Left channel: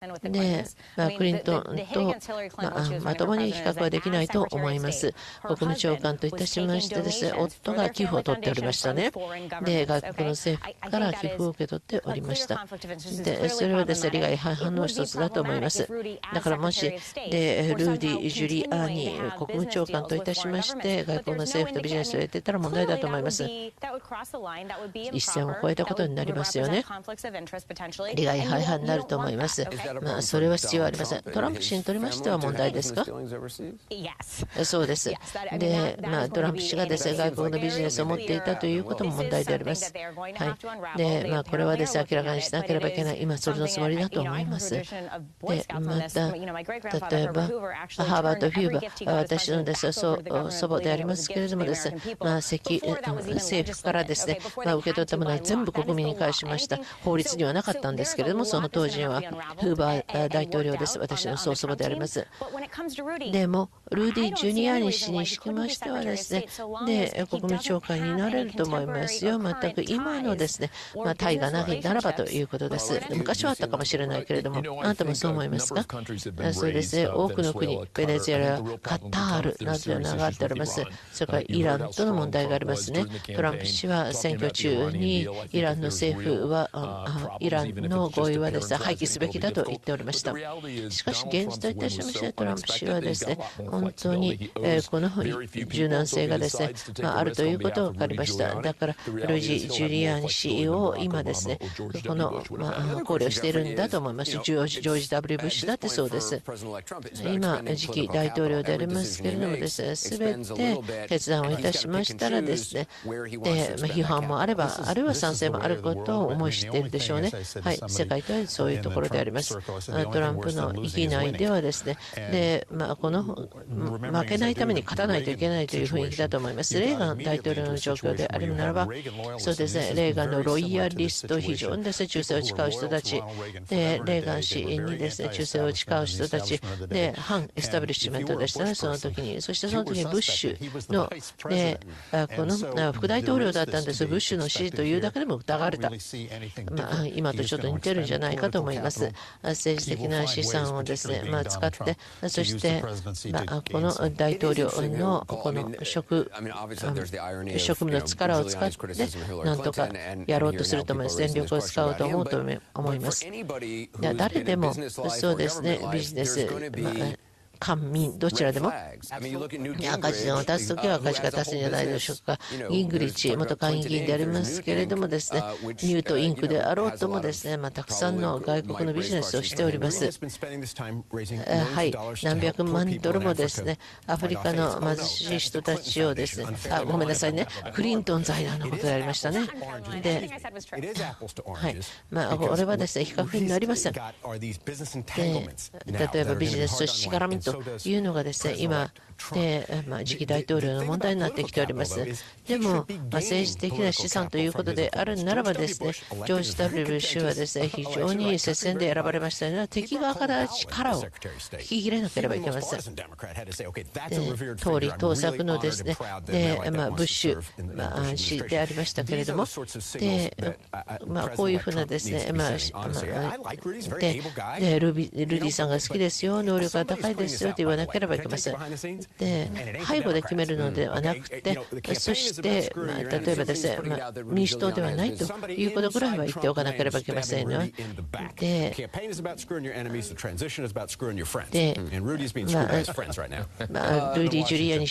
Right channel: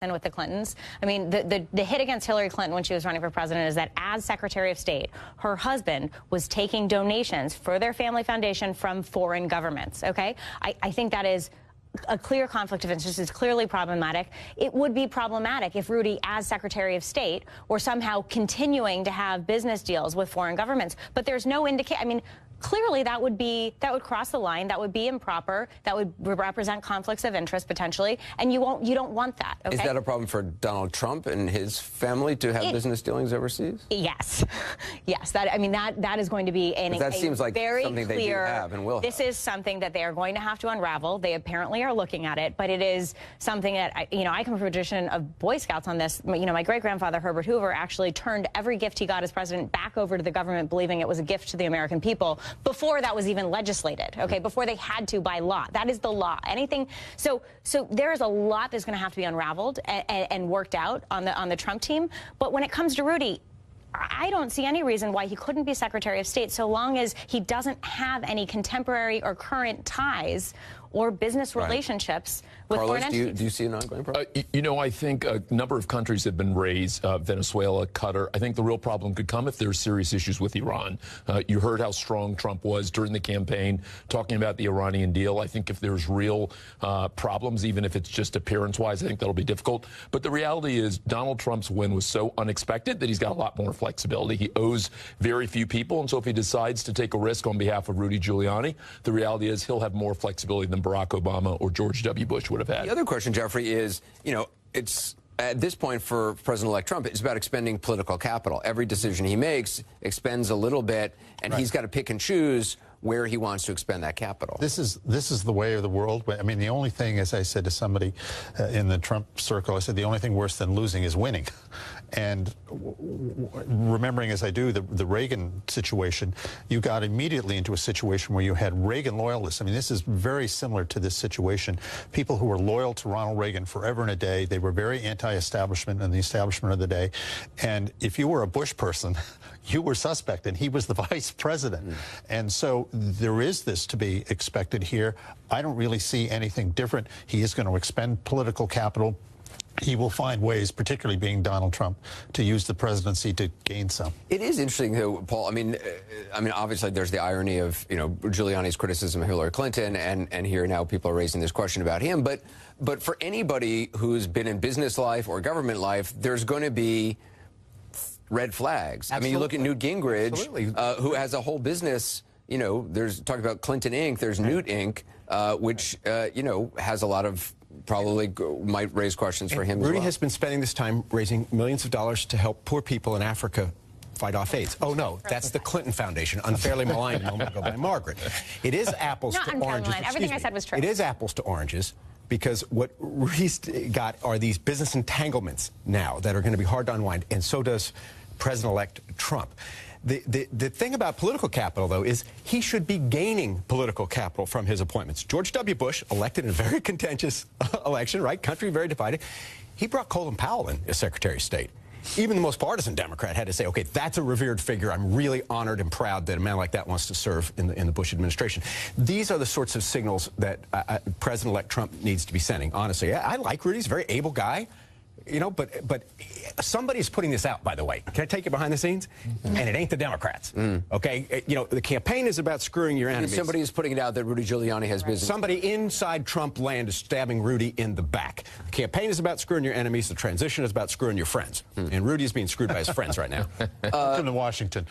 And with the Clintons. I mean, the hit against Hillary Clinton when she was running for president is that as Secretary of State, her husband was taking donations for their family foundation from foreign governments, okay? I think that is a clear conflict of interest. It's clearly problematic. It would be problematic if Rudy, as Secretary of State, were somehow continuing to have business deals with foreign governments. But there's no indication. I mean, clearly that would cross the line. That would be improper. That would represent conflicts of interest potentially. And you don't want that, okay? Is that a problem for Donald Trump and his family to have business dealings overseas? Yes. Yes. That is going to be very clear. This is something that they are going to have to unravel. They apparently are looking at it, but it is something that, I come from a tradition of Boy Scouts on this. My great-grandfather, Herbert Hoover, actually turned every gift he got as president back over to the government, believing it was a gift to the American people, before that was even legislated, okay, before they had to by law. That is the law. Anything. So there's a lot that's going to have to be unraveled and worked out on the Trump team. But when it comes to Rudy, I don't see any reason why he couldn't be Secretary of State so long as he doesn't have any contemporary or current ties or business relationships with foreign entities. I think a number of countries have been raised, Venezuela, Qatar. I think the real problem could come if there are serious issues with Iran. You heard how strong Trump was during the campaign, talking about the Iranian deal. I think if there's real problems, even if it's just appearance-wise, I think that'll be difficult. But the reality is Donald Trump's win was so unexpected that he's got a lot more flexibility. He owes very few people, and so if he decides to take a risk on behalf of Rudy Giuliani, the reality is he'll have more flexibility than Barack Obama or George W. Bush would have had. The other question, Jeffrey, is, at this point for President-elect Trump, it's about expending political capital. Every decision he makes expends a little bit, and he's got to pick and choose where he wants to expend that capital. This is the way of the world. I mean, the only thing, as I said to somebody in the Trump circle, I said the only thing worse than losing is winning. And remembering, as I do, the Reagan situation, you got immediately into a situation where you had Reagan loyalists. I mean, this is very similar to this situation. People who were loyal to Ronald Reagan forever and a day. They were very anti-establishment in the establishment of the day. And if you were a Bush person, you were suspected. He was the vice president. And so there is this to be expected here. I don't really see anything different. He is going to expend political capital. He will find ways, particularly being Donald Trump, to use the presidency to gain some. It is interesting, though, Paul. I mean, obviously, there's the irony of Giuliani's criticism of Hillary Clinton, and here now people are raising this question about him. But for anybody who's been in business life or government life, there's going to be red flags. I mean, you look at Newt Gingrich, who has a whole business, there's talking about Clinton Inc., there's Newt Inc., which, has a lot of, probably might raise questions for him. Rudy has been spending this time raising millions of dollars to help poor people in Africa fight off AIDS. Oh, no, that's the Clinton Foundation, unfairly maligned by Margaret. It is apples to oranges. Everything I said was true. It is apples to oranges, because what Rudy's got are these business entanglements now that are going to be hard to unwind. And so does President-elect Trump. The thing about political capital, though, is he should be gaining political capital from his appointments. George W. Bush, elected in a very contentious election, right? Country very divided. He brought Colin Powell in as Secretary of State. Even the most partisan Democrat had to say, okay, that's a revered figure. I'm really honored and proud that a man like that wants to serve in the Bush administration. These are the sorts of signals that President-elect Trump needs to be sending, honestly. I like Rudy. He's a very able guy. But somebody's putting this out, by the way. Can I take you behind the scenes? And it ain't the Democrats. Okay? The campaign is about screwing your enemies. Somebody's putting it out that Rudy Giuliani has business. Somebody inside Trump land is stabbing Rudy in the back. The campaign is about screwing your enemies. The transition is about screwing your friends. And Rudy's being screwed by his friends right now. In Washington.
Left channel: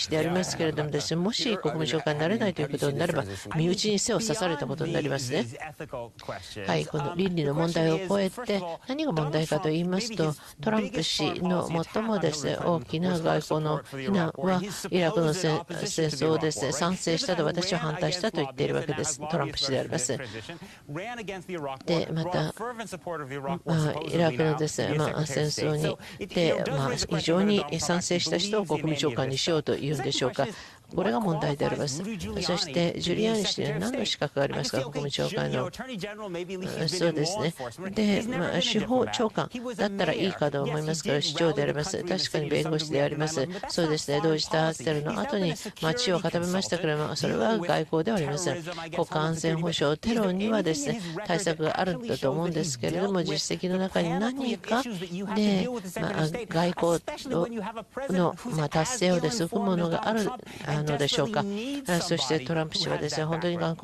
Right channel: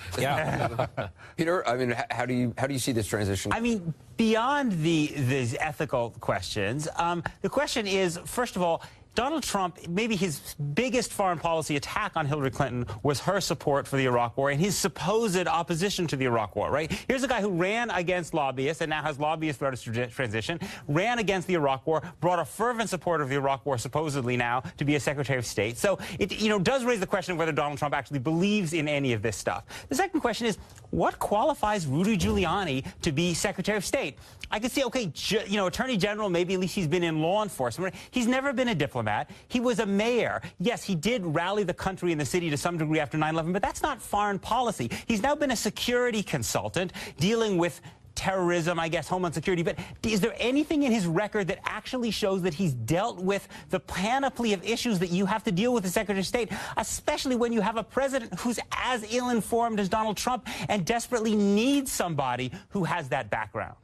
Peter, I mean, how do you see this transition? I mean, beyond these ethical questions, the question is, first of all, Donald Trump, maybe his biggest foreign policy attack on Hillary Clinton was her support for the Iraq War and his supposed opposition to the Iraq War, right? Here's a guy who ran against lobbyists and now has lobbyists for transition, ran against the Iraq War, brought a fervent supporter of the Iraq War supposedly now to be a Secretary of State. So it does raise the question of whether Donald Trump actually believes in any of this stuff. The second question is, what qualifies Rudy Giuliani to be Secretary of State? I can see, okay, Attorney General, maybe at least he's been in law enforcement. He's never been a diplomat. He was a mayor. Yes, he did rally the country and the city to some degree after 9/11, but that's not foreign policy. He's now been a security consultant dealing with terrorism, I guess, homeland security. But is there anything in his record that actually shows that he's dealt with the panoply of issues that you have to deal with as Secretary of State, especially when you have a president who's as ill-informed as Donald Trump and desperately needs somebody who has that background?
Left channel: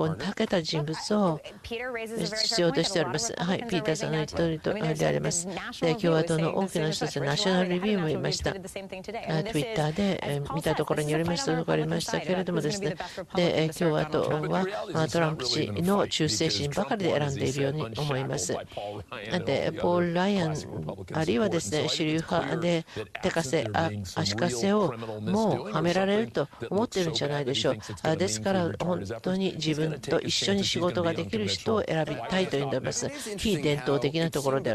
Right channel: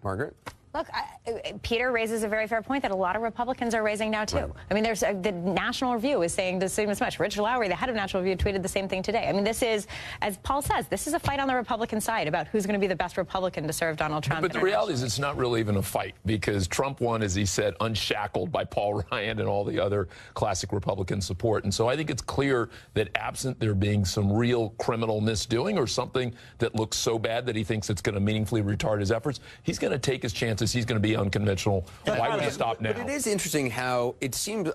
Peter raises a very fair point that a lot of Republicans are raising now, too. I mean, there's this National Review is saying the same as much. Richard Lowry, the head of National Review, tweeted the same thing today. I mean, this is, as Paul says, this is a fight on the Republican side about who's going to be the best Republican to serve Donald Trump. But the reality is it's not really even a fight because Trump won, as he said, unshackled by Paul Ryan and all the other classic Republican support. And so I think it's clear that absent there being some real criminal misdoing or something that looks so bad that he thinks it's going to meaningfully retard his efforts, he's going to take his chances. He's going to be unconventional. Why would he stop now? It is interesting how it seemed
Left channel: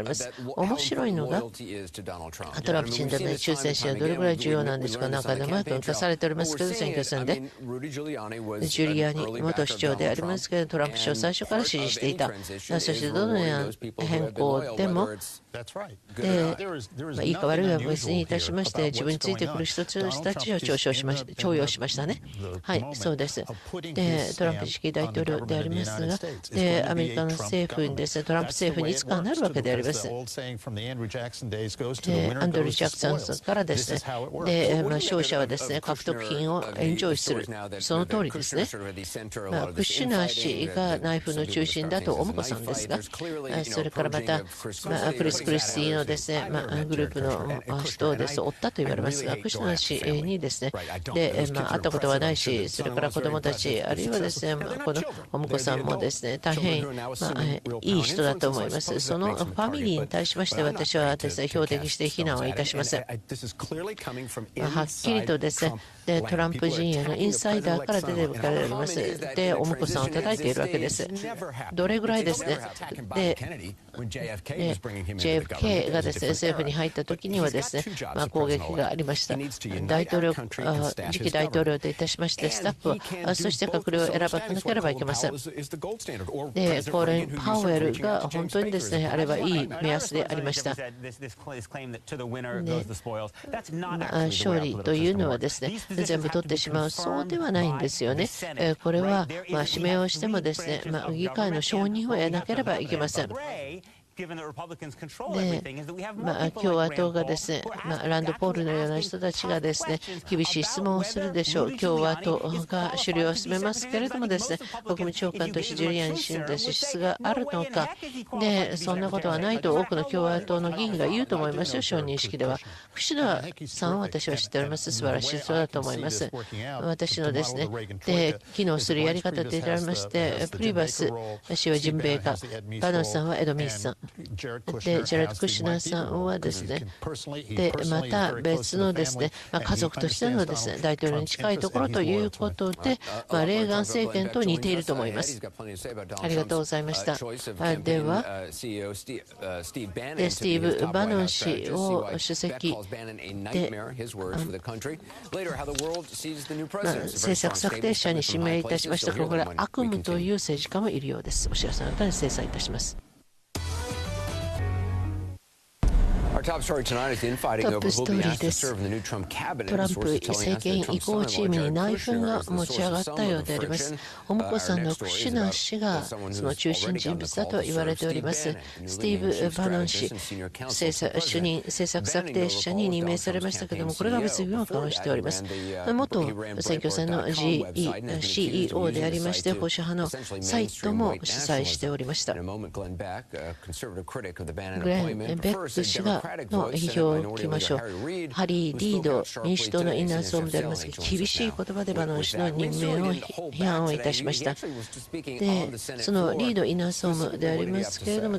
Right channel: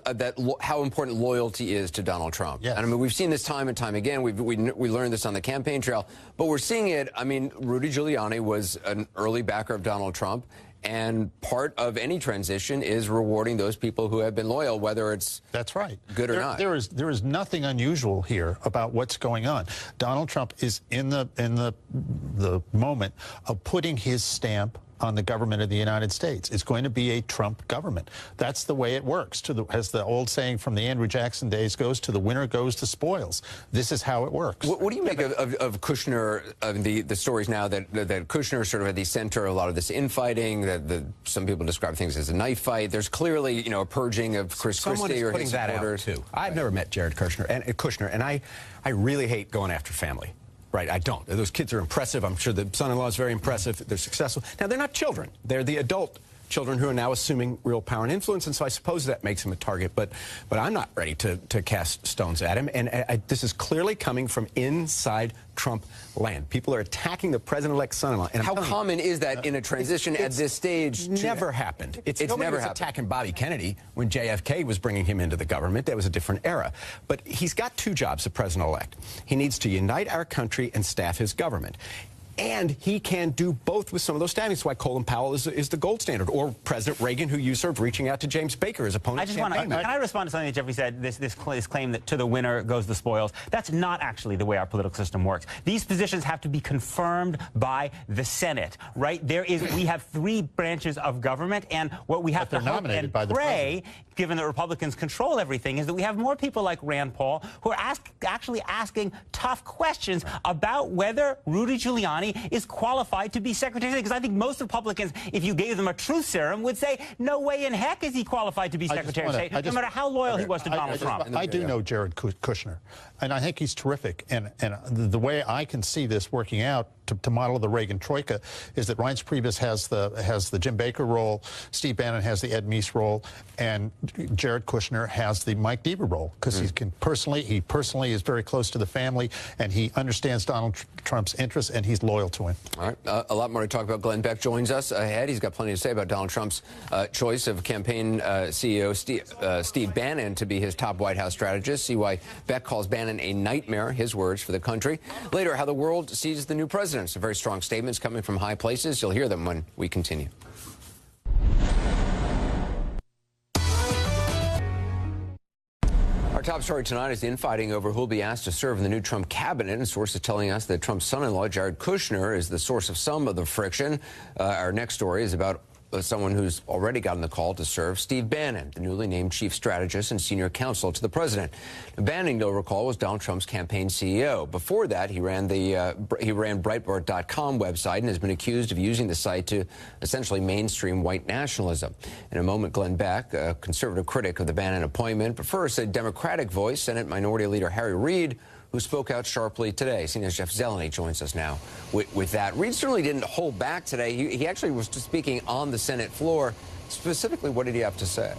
how important loyalty is to Donald Trump. Yeah. I mean, we've seen this time and time again. We learned this on the campaign trail. But we're seeing it. I mean, Rudy Giuliani was an early backer of Donald Trump. And part of any transition is rewarding those people who have been loyal, whether it's good or not. There is nothing unusual here about what's going on. Donald Trump is in the moment of putting his stamp on the government of the United States. It's going to be a Trump government. That's the way it works. As the old saying from the Andrew Jackson days goes, to the winner goes the spoils. This is how it works. What do you make of Kushner, of the stories now that Kushner is sort of at the center of a lot of this infighting, that some people describe things as a knife fight? There's clearly, a purging of Chris Christie. I've never met Jared Kushner, and I really hate going after family. Right, I don't. Those kids are impressive. I'm sure the son-in-law is very impressive. They're successful. Now, they're not children. They're the adult children who are now assuming real power and influence, and so I suppose that makes them a target. But I'm not ready to cast stones at him. And this is clearly coming from inside Trump land. People are attacking the president-elect son-in-law. And how common is that in a transition at this stage? It's never happened. It's never happened. Attacking Bobby Kennedy when JFK was bringing him into the government. That was a different era. But he's got two jobs, the president-elect. He needs to unite our country and staff his government. And he can do both with some understanding. That's why Colin Powell is the gold standard. Or President Reagan, who used sort of reaching out to James Baker as opponent. Can I respond to something that Jeffrey said, this claim that to the winner goes the spoils? That's not actually the way our political system works. These positions have to be confirmed by the Senate, right? We have three branches of government, and what we have to hope and pray, given that Republicans control everything, is that we have more people like Rand Paul who are actually asking tough questions about whether Rudy Giuliani is qualified to be Secretary of State. Because I think most Republicans, if you gave them a truth serum, would say, no way in heck is he qualified to be Secretary of State, no matter how loyal he was to Donald Trump. I do know Jared Kushner, and I think he's terrific. And the way I can see this working out, to model the Reagan troika, is that Reince Priebus has the Jim Baker role, Steve Bannon has the Ed Meese role, and Jared Kushner has the Mike Bieber role, because he personally is very close to the family, and he understands Donald Trump's interests, and he's loyal to him. A lot more to talk about. Glenn Beck joins us ahead. He's got plenty to say about Donald Trump's choice of campaign CEO Steve Bannon to be his top White House strategist. See why Beck calls Bannon a nightmare, his words, for the country. Later, how the world sees the new president. Some very strong statements coming from high places. You'll hear them when we continue. Our top story tonight is the infighting over who will be asked to serve in the new Trump cabinet. Sources telling us that Trump's son-in-law, Jared Kushner, is the source of some of the friction. Our next story is about someone who's already gotten the call to serve, Steve Bannon, the newly named chief strategist and senior counsel to the president. Bannon, you'll recall, was Donald Trump's campaign CEO. Before that, he ran Breitbart.com website and has been accused of using the site to essentially mainstream white nationalism. In a moment, Glenn Beck, a conservative critic of the Bannon appointment, but first a Democratic voice, Senate Minority Leader Harry Reid, who spoke out sharply today. Senator Jeff Zeleny joins us now with that. Reid certainly didn't hold back today. He actually was just speaking on the Senate floor. Specifically, what did he have to say?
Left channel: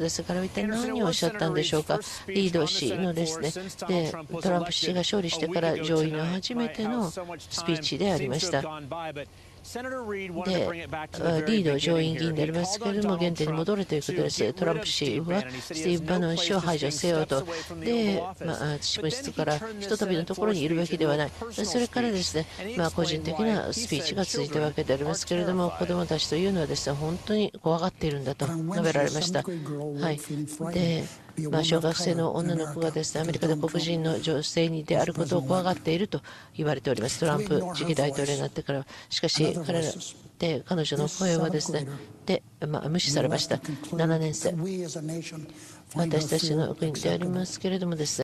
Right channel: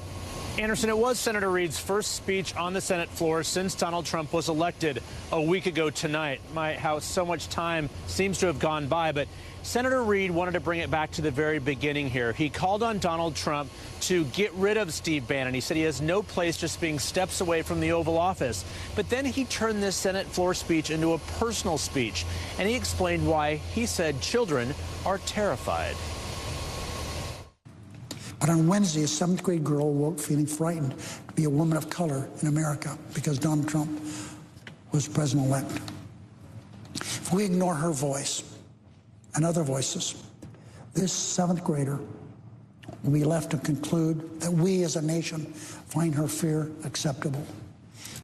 Anderson, it was Senator Reid's first speech on the Senate floor since Donald Trump was elected a week ago tonight. How so much time seems to have gone by, but Senator Reid wanted to bring it back to the very beginning here. He called on Donald Trump to get rid of Steve Bannon. He said he has no place just being steps away from from the Oval Office. But then he turned this Senate floor speech into a personal speech, and he explained why he said children are terrified. But on Wednesday, a 7th grade girl wrote feeling frightened to be a woman of color in America because Donald Trump was President-elect. If we ignore her voice and other voices, this 7th grader, we left to conclude that we as a nation find her fear acceptable.